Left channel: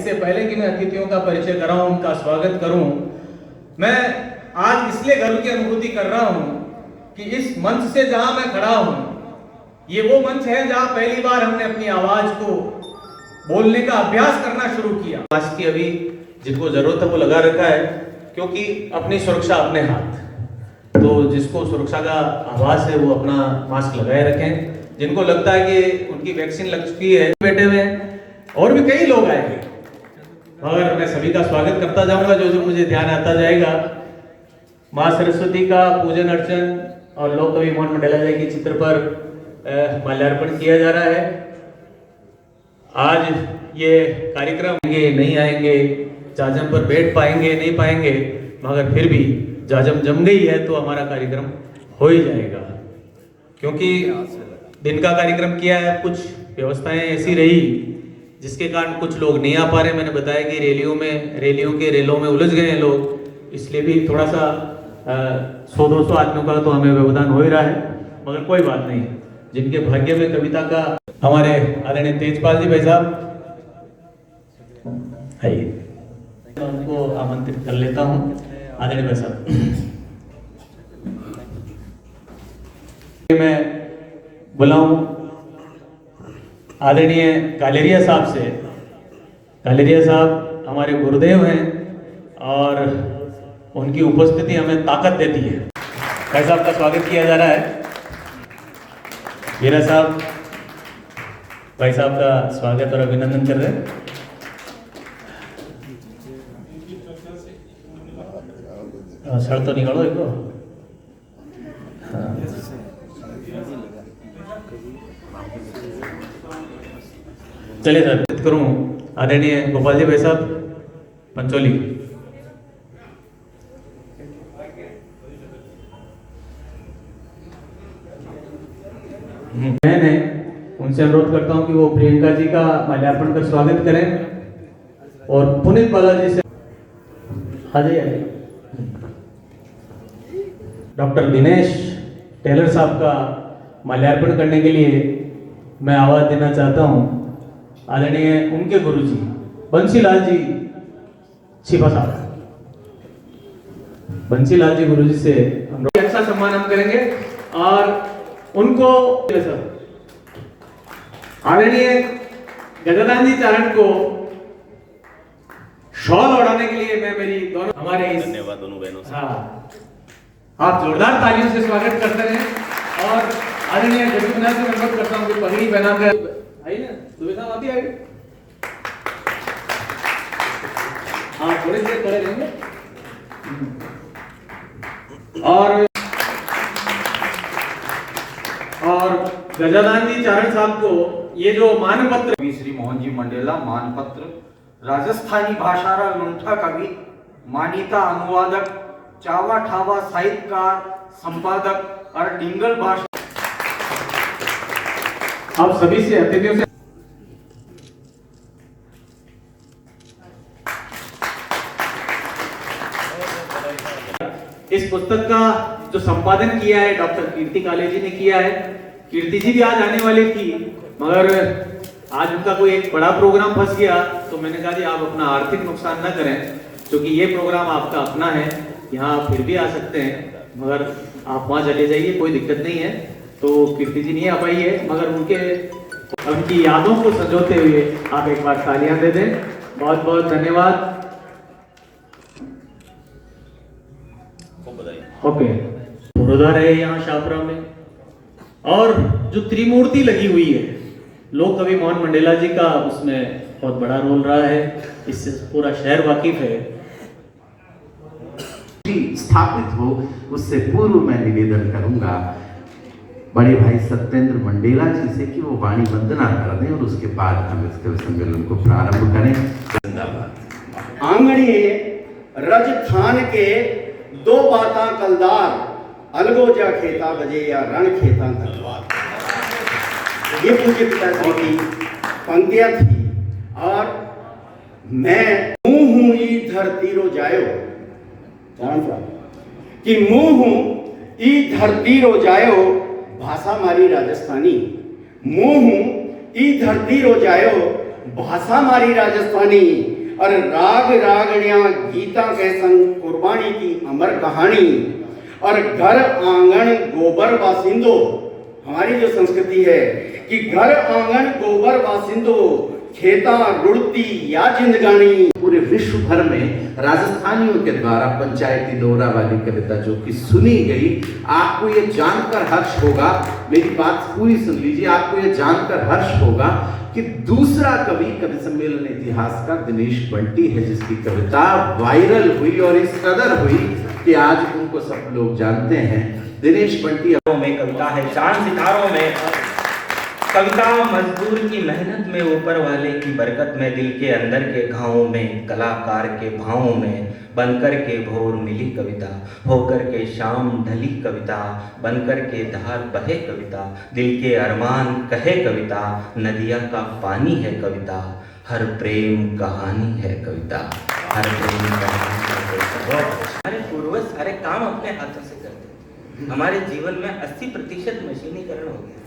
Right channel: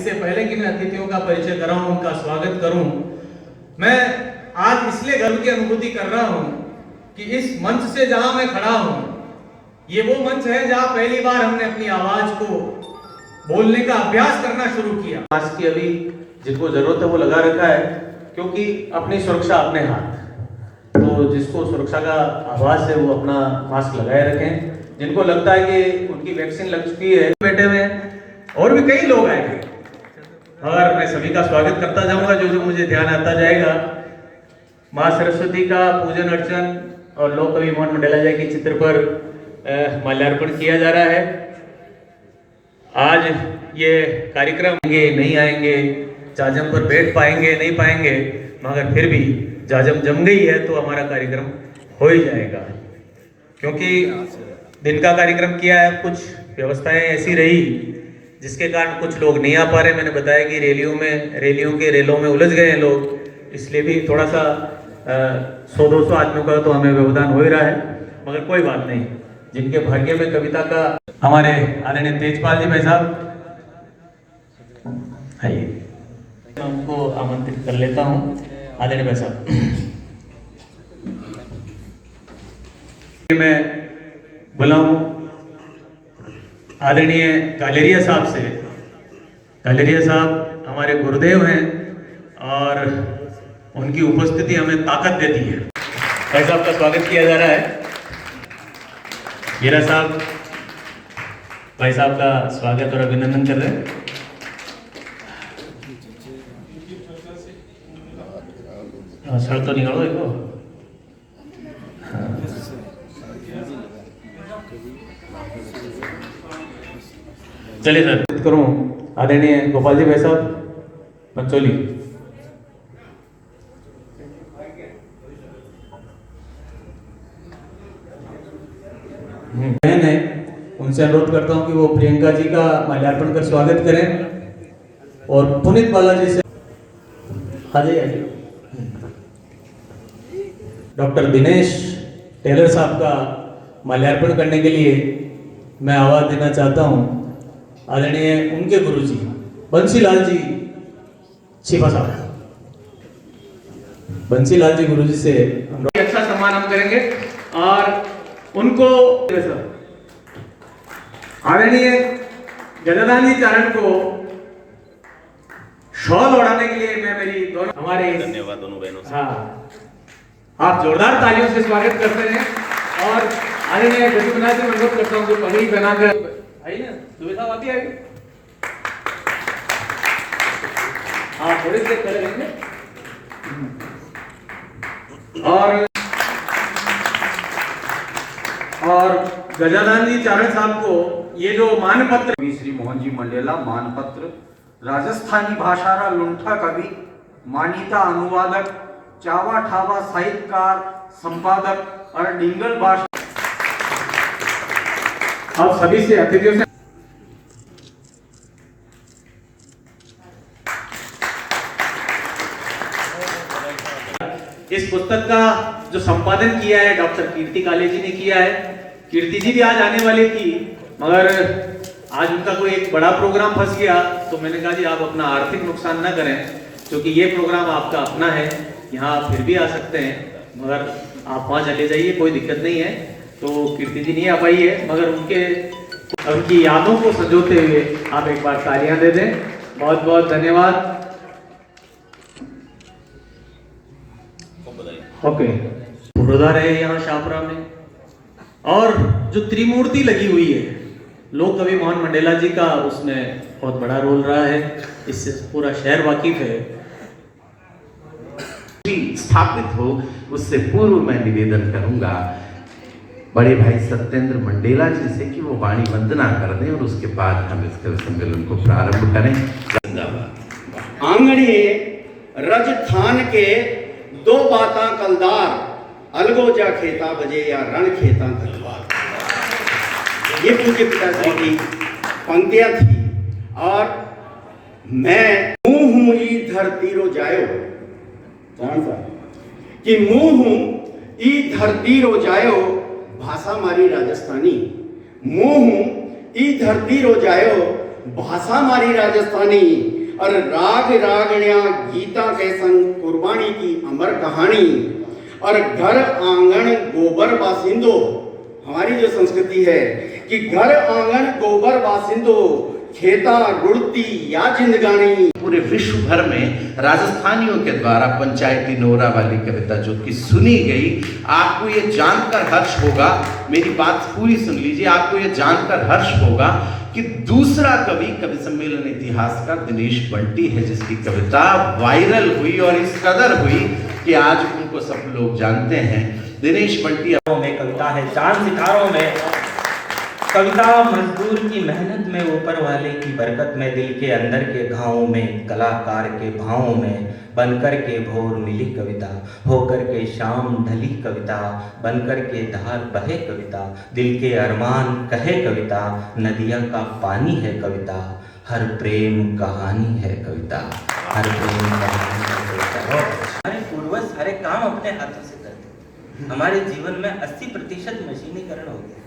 इससे पहले कि मैं अतिथियों का परिचय कराऊं, उनका स्वागत करूं, मैं आज इसलिए गर्व की अनुभूति कर रहा हूं कि इस मंच से जहां मैं खड़ा हूं, ये वो मंच है जहां पहली बार हमने अपनी आवाज को बोलने का अभ्यास करना शुरू किया। मास्क की अभी जिनको जरूरत है वो लगा रखा है, क्योंकि अपनी सुरक्षा अपने हाथ। तो जिसको सुरक्षा का आभास है वो अपना मास्क लगाए रखें। जिनको लगता है कि उनकी वैक्सीन लग चुकी है, बैठे हुए हैं, और भी कई लोग आएंगे, और मैं सभी का स्वागत करता जाऊंगा जो जो मुझे ध्यान आता जाएगा। माँ सरस्वती का पूजन अर्चन और लोक कवि मोहन मंडेला जी के चित्र पर माल्यार्पण किया जा रहा है। आज ये कार्यक्रम नहीं आएंगे, जाजम पर बैठ पाएंगे नहीं पाएंगे, मगर फिर भी जाजम जम गई है तो हमारा कार्यक्रम हो ही जाएगा। क्योंकि दिन का कार्यक्रम किया है, कुछ व्यवस्थाएं ऐसी रही जिसके कारण कुछ लोग नहीं आ पा रहे। मैंने बताया कि रेलों में उलझ गए हैं लोग, इसलिए भी थोड़ा सा 100-200 आदमियों का तो हमें व्यवधान हो ही रहा है, मगर कोई बात नहीं। जिनके भाग्य में कविता का, हमारे आदरणीय तेजपाल जी भाई साहब आइए, मैं उनको आमंत्रित कर लेता हूँ। आदरणीय भाई साहब, मैं बुलाऊं आदरणीय कालेरिया साहब से। कालेरिया साहब हमारे गुरुदेव हैं और उनकी उपस्थिति हमें ताकत देती है। भाई साहब का स्वागत किया जा रहा है। हीरा साहब, भाई साहब का स्वागत और अभिनंदन कर रहे हैं। सर तो निकालो इनको। चलिए सर, करूं आदरणीय गोपाल जी भाई साहब पंचोली। मैंने उनसे अनुरोध करता हूं कि वो प्रियंका जी का माल्यार्पण कर स्वागत करें और पुनीत बालाजी से आ जाइए। डॉक्टर दिनेश टेलर साहब का माल्यार्पण करने के लिए मैं आवाज देना चाहता हूं आदरणीय उनके गुरुजी बंसीलाल जी छिपा साहब। बंसीलाल जी गुरुजी से अच्छा सम्मान हम करेंगे और उनको आदरणीय गजानन जी चरण को शॉल ओढ़ाने के लिए मैं मेरी दोनों हमारे धन्यवाद दोनों बहनों से। हाँ, आप जोरदार तालियों से स्वागत करते हैं। और आदरणीय गजनाथ जी अनुरोध करता हूँ कि पगड़ी बना दे। आइए ना, दुबे साहब आप भी आइए। आप थोड़ी देर खड़े रहेंगे। और गजानन जी चरण साहब को ये जो मानपत्र श्री मोहन जी मंडेला मानपत्र, राजस्थानी भाषा रा लूंठा कवि, मानीता अनुवादक, चावा ठावा साहित्यकार, संपादक और डिंगल भाषा। आप सभी से अतिथियों से इस पुस्तक का जो संपादन किया है डॉक्टर कीर्ति काले जी ने किया है। कीर्ति जी भी आज आने वाली थी, मगर आज उनका कोई एक बड़ा प्रोग्राम फंस गया, तो मैंने कहा जी आप अपना आर्थिक नुकसान न करें, क्योंकि ये प्रोग्राम आपका अपना है, यहाँ आप फिर भी आ सकते हैं, मगर आप वहाँ चले जाइए, कोई दिक्कत नहीं है। तो कीर्ति जी नहीं आ पाई है, मगर उनकी यादों को संजोते हुए आप एक बार तालियां दे दें। बहुत बहुत धन्यवाद। ओके, पुरोधा रहे यहाँ शाहपुरा में, और जो त्रिमूर्ति लगी हुई है लोक कवि मोहन मंडेला जी का, उसमें बहुत बड़ा रोल रहा है, इससे पूरा शहर वाकिफ है। स्थापित हो, उससे पूर्व मैं निवेदन करूंगा बड़े भाई सत्येंद्र मंडेला जी से कि वो वाणी वंदना कर दें और उसके बाद हम इस सम्मेलन को प्रारंभ करें। आंगणिये रजथान के दो बाता कलदार, अलगोजा खेता बजे या रण खेता तलवार। ये पूज्य पिताश्री की पंक्तियां थी। और मैं मुंह हूं ई धरती रो जायो, कौन सा कि मुंह हूं ई धरती रो जायो, भाषा मारी राजस्थानी। मुंह हूं ई धरती रो जायो, भाषा मारी राजस्थानी और राग रागणिया गीता के संग कुर्बानी की अमर कहानी और घर आंगन गोबर बासिंदो। हमारी जो संस्कृति है कि घर आंगन गोबर बासिंदो, खेता रुड़ती या जिंदगानी। पूरे विश्व भर में राजस्थानियों के द्वारा पंचायती नोरा वाली कविता जो कि सुनी गई, आपको ये जानकर हर्ष होगा, मेरी बात पूरी सुन लीजिए, आपको ये जानकर हर्ष होगा कि दूसरा कवि सम्मेलन इतिहासकार दिनेश बंटी है, जिसकी कविता वायरल हुई और इस कदर हुई कि आज उनको सब लोग जानते हैं। दिनेश बंटी में कविता है चांद सितारों में, कविता मजदूर की मेहनत में, ऊपर वाले की बरकत में, दिल के अंदर के घावों में, कलाकार के भावों में, बनकर के भोर मिली कविता, होकर के शाम ढली कविता, बनकर के धार बहे कविता, दिल के अरमान कहे कविता, नदिया का पानी है कविता, हर प्रेम कहानी है कविता, हर प्रेम कहानी है कविता। हमारे पूर्वज सारे काम अपने हाथों से करते, हमारे जीवन में 80% मशीनीकरण हो गया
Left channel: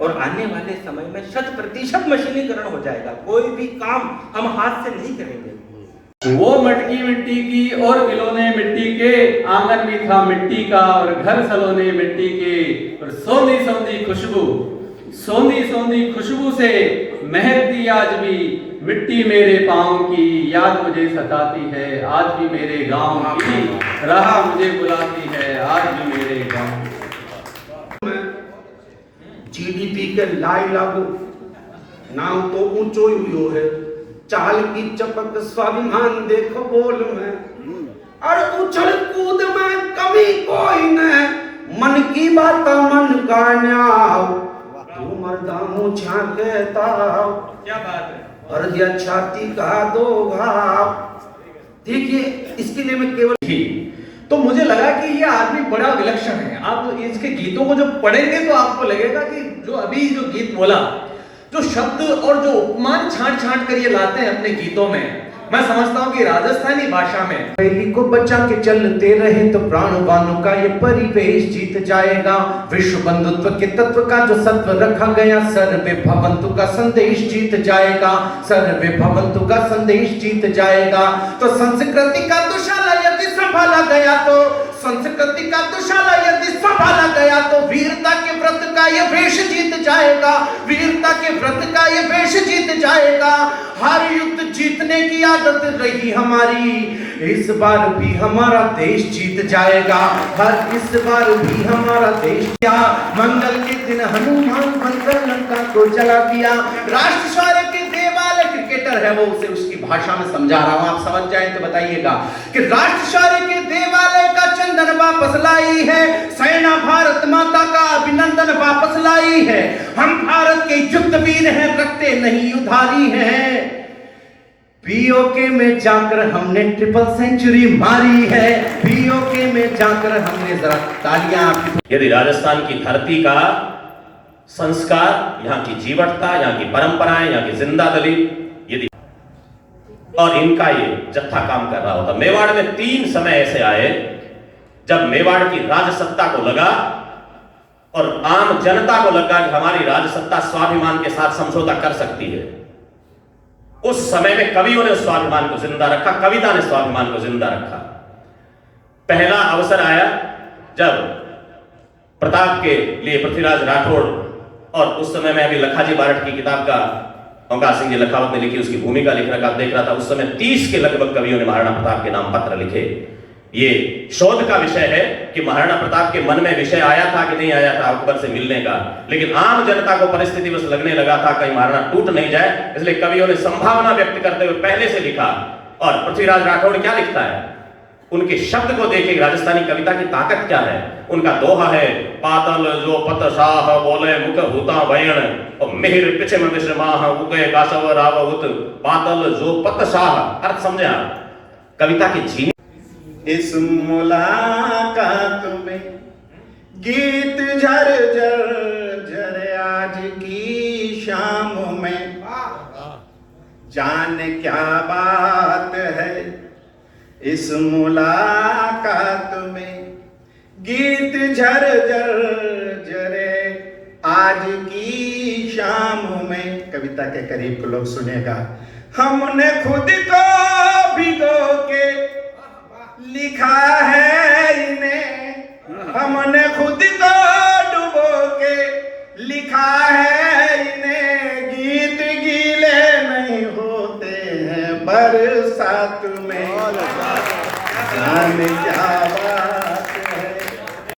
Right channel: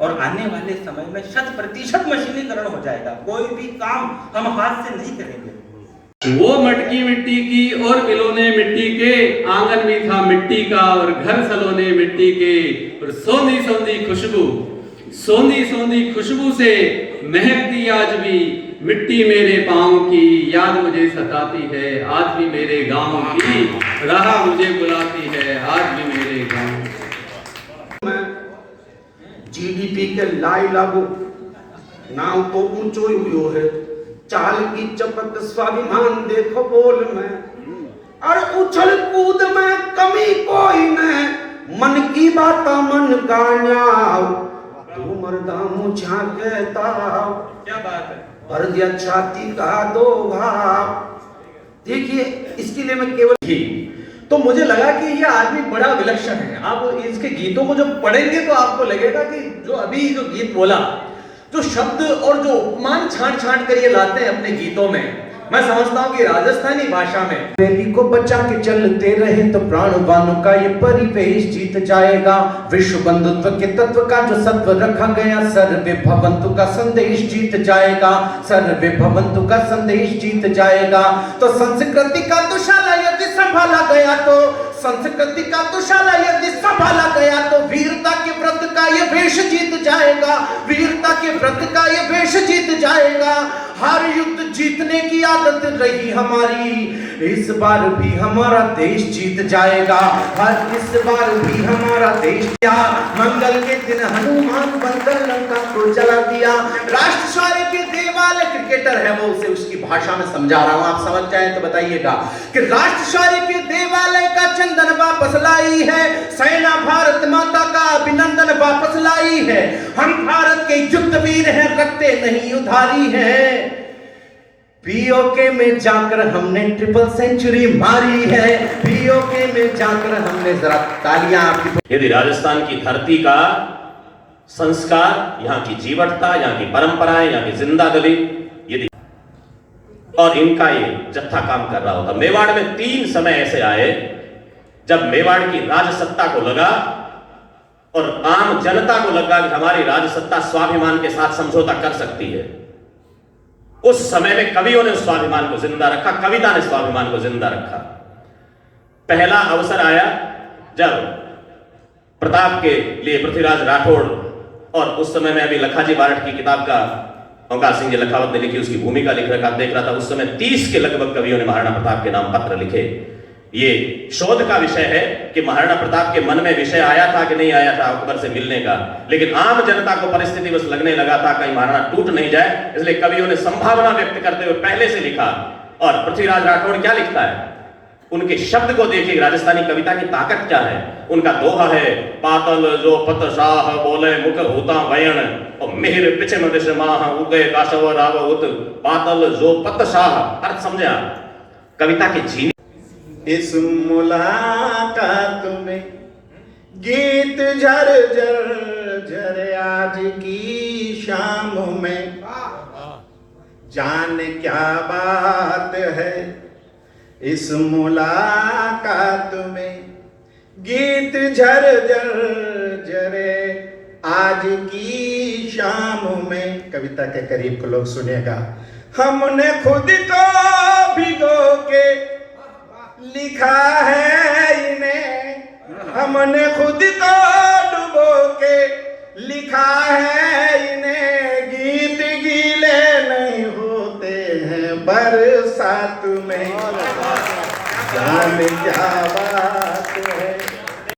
और आने वाले समय में 100% मशीनीकरण हो जाएगा। कोई भी काम हम हाथ से नहीं करेंगे। वो मटकी मिट्टी की और खिलौने मिट्टी के, आंगन में था मिट्टी का और घर सलोने मिट्टी के, और सोंधी सोंधी खुशबू, सोंधी सोंधी खुशबू से महकती आज भी मिट्टी मेरे पाँव की, याद मुझे सताती है आज भी मेरे गांव की, राह मुझे बुलाती है आज भी मेरे गांव। जीडीपी के लाई लागू नाम तो ऊंचो हुयो है, चाल की चपक स्वाभिमान देखो बोल में, और उछल कूद में कमी कोई न, मन की बात मन का न्याव, तू मरदा मुझा कहता क्या बात है, और दिया छाती का दो भाव। देखिए इसके लिए मैं केवल ही तो मुझे लगा कि ये आदमी बड़ा विलक्षण है। आप इसके गीतों को जब पढ़ेंगे तो आपको लगेगा कि जो अभी जो गीत बोला, जो शब्द और जो उपमान छांट छांट कर ये लाते हैं अपने गीतों में, मैं समझता हूँ कि राजस्थानी भाषा में बेटी को बचा के चलते रहे तो प्राणवानों का ये परिवेश जीत जाएगा, विश्व बंधुत्व के तत्व का जो सत्व रखा गया, सर्वे भवन्तु का संदेश जीत जाएगा, सर्वे भवन्तु का संदेश जीत जाएगा। तो संस्कृति का दुशाला यदि संभाला गया तो, संस्कृति का दुशाला यदि संभाला गया तो, वीरता के व्रत का ये वेश जीत जाएगा, वीरता के व्रत का ये वेश जीत जाएगा। हर युद्ध जीतने की आदत रही हमारी, इस बार भी हमारा देश जीत जाएगा, हर इस बार भी हमारा देश। क्या मंगल के दिन हनुमान बनकर लंका को जला दिया, राष्ट्र शौर्य के देवालय, क्रिकेटर है वो, उसे उसकी भाषा में समझा रहा हूं, आप समझ जाए तो बताइएगा कि राष्ट्र शौर्य के देवालय का चंदन वापस लाई है, सेना भारत माता का अभिनंदन वापस लाई है, हम भारत के युद्धवीर हैं, रखते नहीं उधारी है, पीओके में जाकर हमने ट्रिपल सेंचुरी मारी है, पीओके में जाकर हमने, जरा तालियां। यदि राजस्थान की धरती का संस्कार, यहाँ की जीवटता, यहाँ की परंपराएं, यहाँ की जिंदादिली, यदि और इनका ये जत्था काम कर रहा होता। मेवाड़ में 3 समय ऐसे आए जब मेवाड़ की राजसत्ता को लगा और आम जनता को लगा कि हमारी राजसत्ता स्वाभिमान के साथ समझौता कर सकती है। उस समय में कवियों ने उस स्वाभिमान को जिंदा रखा, कविता ने स्वाभिमान को जिंदा रखा। पहला अवसर आया जब प्रताप के लिए पृथ्वीराज राठौड़, और उस समय में अभी लखाजी बारठ की किताब का ओंकार सिंह जी लखावत ने लिखी, उसकी भूमिका देख रहा था। उस समय 30 के लगभग कवियों ने महाराणा प्रताप के नाम पत्र लिखे। ये शोध का विषय है कि महाराणा प्रताप के मन में विषय आया था कि नहीं आया था अकबर से मिलने का, लेकिन आम जनता को परिस्थिति बस लगने लगा था कहीं महाराणा टूट नहीं जाए, इसलिए कवियों ने संभावना व्यक्त करते हुए पहले से लिखा। और पृथ्वीराज राठौड़ क्या लिखता है, उनके शब्द को देखिए, राजस्थानी कविता की ताकत क्या है। उनका दोहा है, पातल जो पत शाह बोले मुख हुता वयन, और मिहिर पिछे में विश्रमाह उगे काशव राव उत, पातल जो पत शाह। अर्थ समझे आप, कविता की छीनी। इस मुलाकात में गीत झर झर झर आज की शाम में, जान क्या बात है इस मुलाकात में, गीत झर झर झरे आज की शाम में। कविता कविता के करीब के लोग सुनेगा। हमने खुद को भिगो के लिखा है इन्हें, हमने खुद को डुबो के लिखा है इन्हें, गीत गीले नहीं होते हैं बरसात में, जान जावा